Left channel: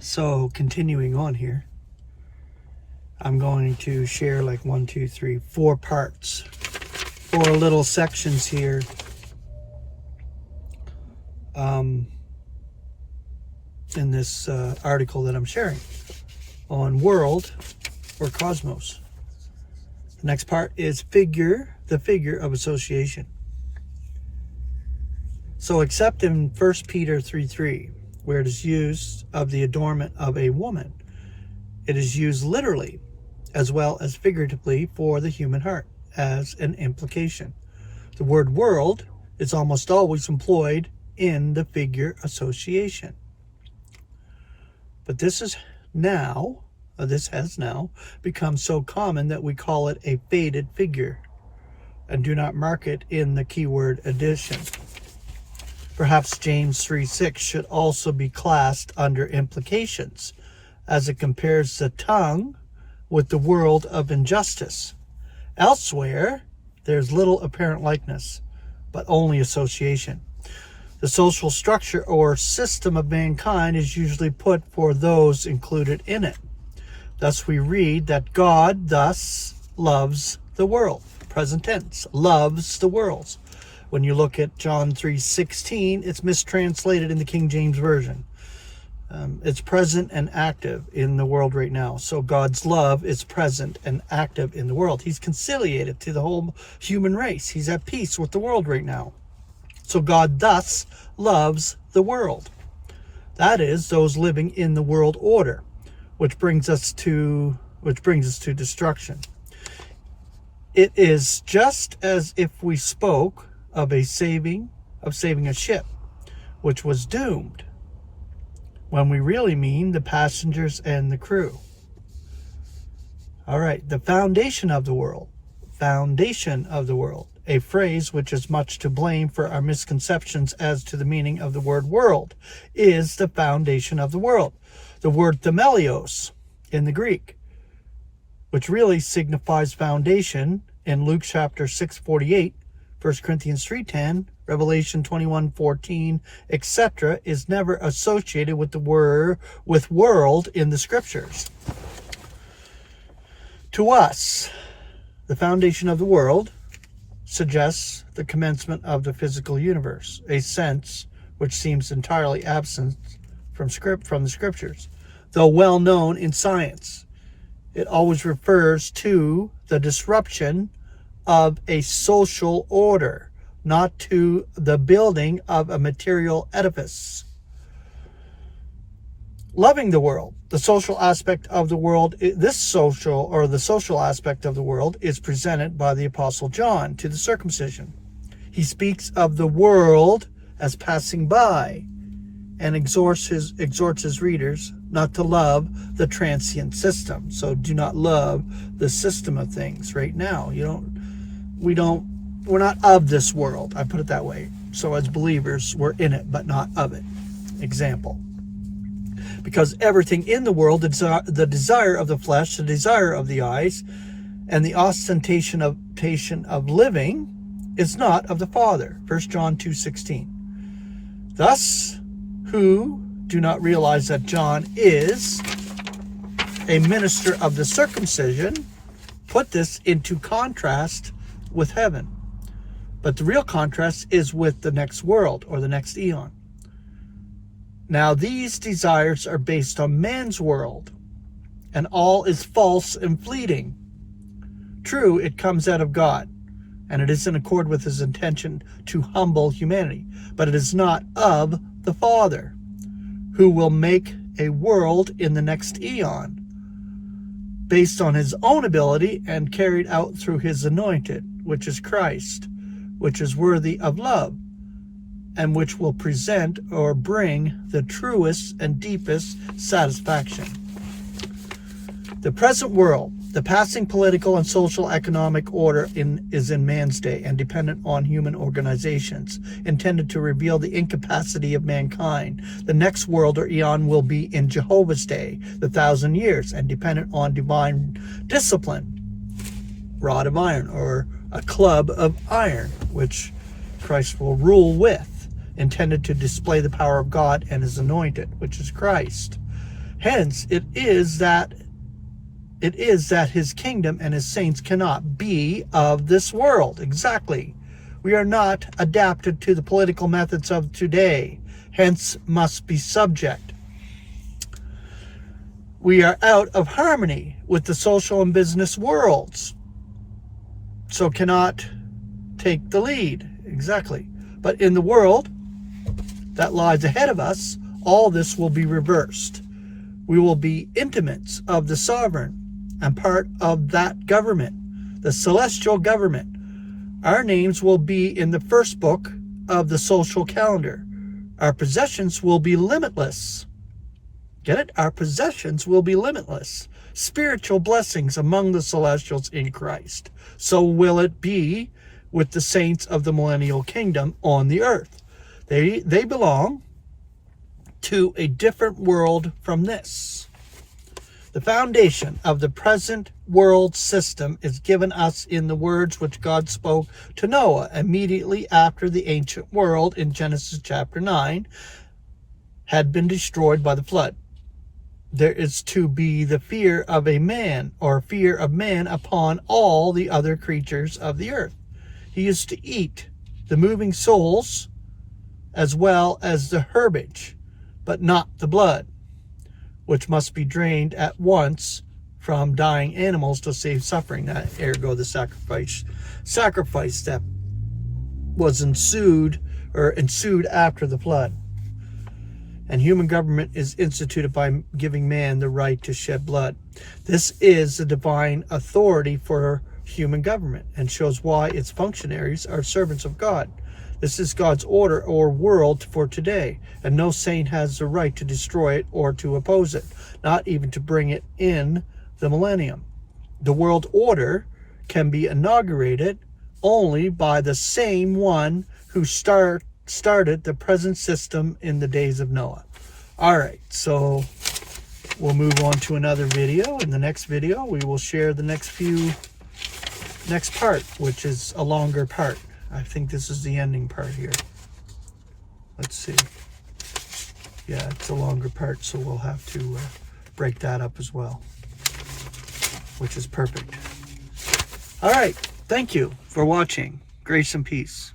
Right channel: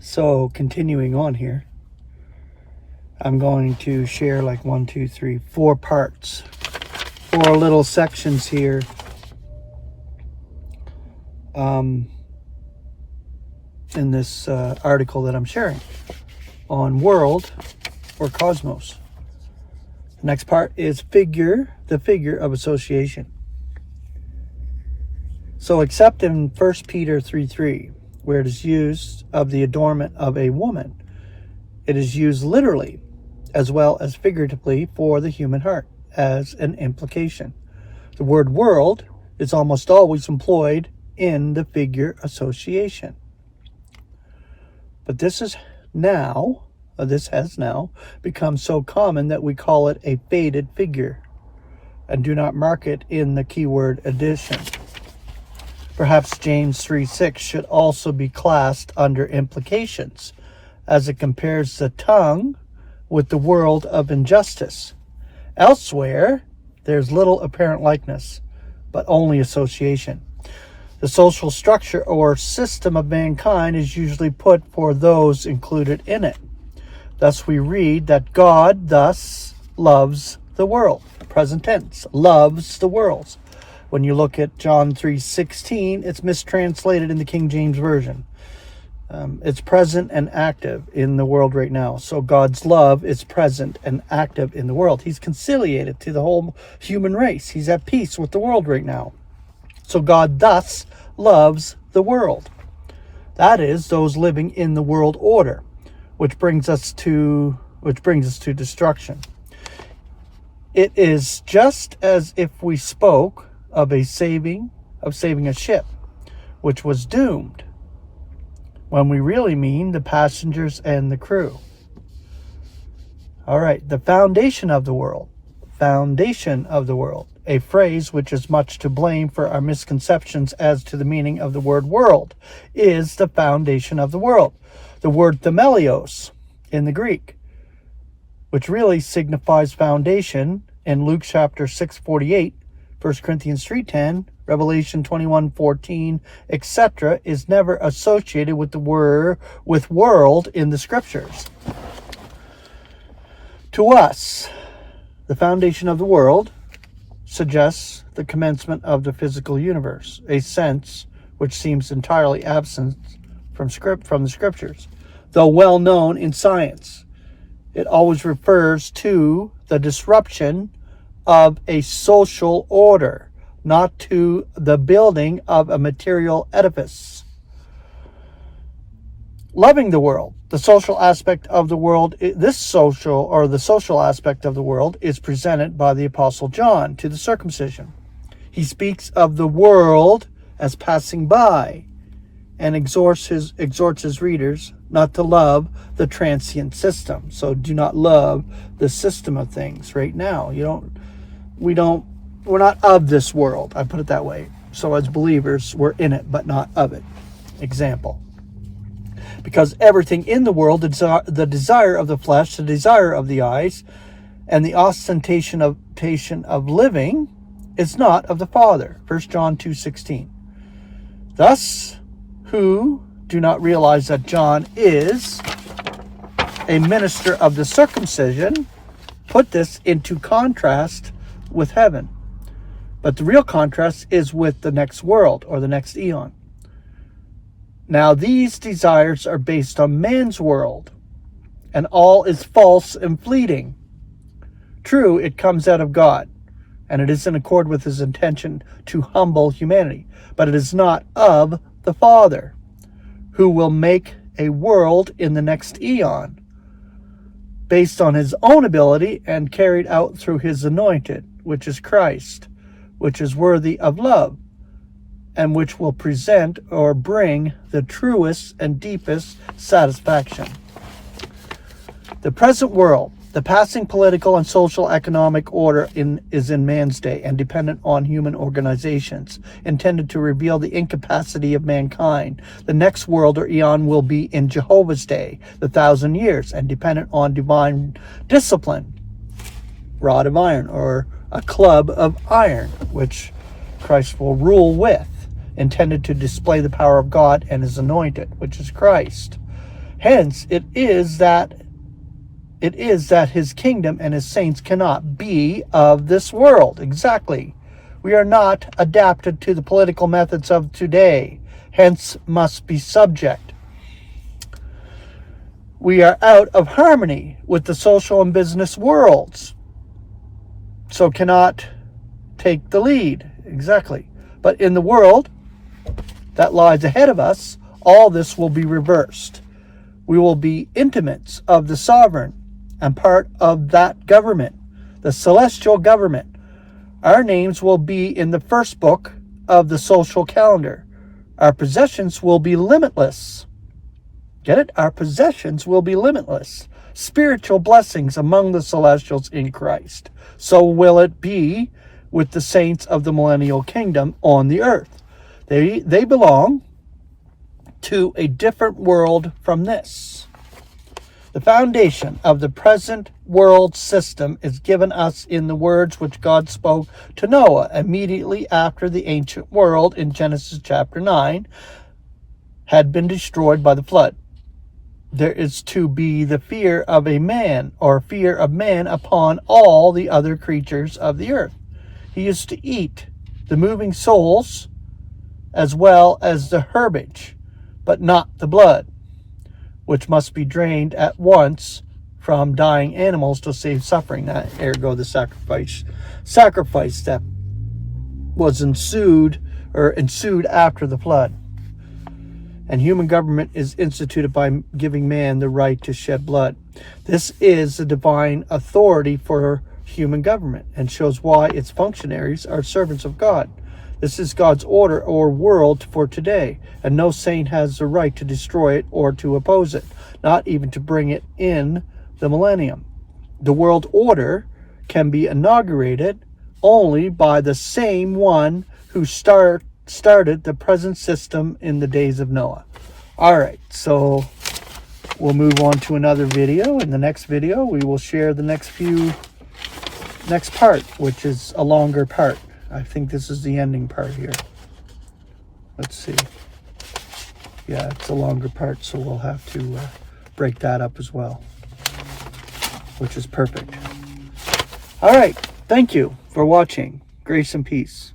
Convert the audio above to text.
So continuing on here, I'm going to share like 1, 2, 3, 4 parts, 4 little sections here. In this article that I'm sharing on world or cosmos. The next part is the figure of association. So except in 1 Peter 3:3, where it is used of the adornment of a woman, it is used literally as well as figuratively for the human heart as an implication. The word world is almost always employed in the figure association. But this has now become so common that we call it a faded figure and do not mark it in the keyword addition. Perhaps James 3:6 should also be classed under implications, as it compares the tongue with the world of injustice. Elsewhere, there's little apparent likeness, but only association. The social structure or system of mankind is usually put for those included in it. Thus we read that God thus loves the world. Present tense, loves the world. When you look at John 3:16, it's mistranslated in the King James Version. It's present and active in the world right now. So God's love is present and active in the world. He's conciliated to the whole human race. He's at peace with the world right now. So God thus loves the world. That is, those living in the world order, which brings us to destruction. It is just as if we spoke of saving a ship, which was doomed, when we really mean the passengers and the crew. All right, the foundation of the world. A phrase which is much to blame for our misconceptions as to the meaning of the word world, is the foundation of the world. The word themelios in the Greek, which really signifies foundation in Luke chapter 6:48, 1 Corinthians 3:10, Revelation 21:14, etc., is never associated with the word world in the scriptures. To us, the foundation of the world suggests the commencement of the physical universe, a sense which seems entirely absent from the scriptures. Though well known in science, it always refers to the disruption of a social order, not to the building of a material edifice. Loving the world, the social aspect of the world, the social aspect of the world is presented by the Apostle John to the circumcision. He speaks of the world as passing by and exhorts his readers not to love the transient system. So do not love the system of things right now. We're not of this world, I put it that way. So as believers, we're in it, but not of it. Example. Because everything in the world, the desire of the flesh, the desire of the eyes, and the ostentation of living is not of the Father. 1 John 2:16. Thus, who do not realize that John is a minister of the circumcision, put this into contrast with heaven. But the real contrast is with the next world or the next eon. Now these desires are based on man's world, and all is false and fleeting. True, it comes out of God, and it is in accord with his intention to humble humanity, but it is not of the Father, who will make a world in the next eon, based on his own ability and carried out through his anointed, which is Christ, which is worthy of love, and which will present or bring the truest and deepest satisfaction. The present world, the passing political and social economic order is in man's day and dependent on human organizations, intended to reveal the incapacity of mankind. The next world or eon will be in Jehovah's day, the 1,000 years, and dependent on divine discipline, rod of iron, or a club of iron, which Christ will rule with, intended to display the power of God and his anointed, which is Christ. Hence, it is that his kingdom and his saints cannot be of this world. Exactly. We are not adapted to the political methods of today, hence must be subject. We are out of harmony with the social and business worlds, so cannot take the lead. Exactly. But in the world that lies ahead of us, all this will be reversed. We will be intimates of the sovereign and part of that government, the celestial government. Our names will be in the first book of the social calendar. Our possessions will be limitless. Get it? Our possessions will be limitless. Spiritual blessings among the celestials in Christ. So will it be with the saints of the millennial kingdom on the earth. They belong to a different world from this. The foundation of the present world system is given us in the words which God spoke to Noah immediately after the ancient world in Genesis chapter 9 had been destroyed by the flood. There is to be the fear of a man, or fear of man, upon all the other creatures of the earth. He is to eat the moving souls as well as the herbage, but not the blood, which must be drained at once from dying animals to save suffering. That ergo the sacrifice that was ensued after the flood. And human government is instituted by giving man the right to shed blood. This is the divine authority for human government and shows why its functionaries are servants of God. This is God's order or world for today, and no saint has the right to destroy it or to oppose it, not even to bring it in the millennium. The world order can be inaugurated only by the same one who started the present system in the days of Noah. All right, so we'll move on to another video. In the next video, we will share the next part, which is a longer part. I think this is the ending part here. Let's see. Yeah, it's a longer part, so we'll have to break that up as well, which is perfect. All right, thank you for watching. Grace and peace.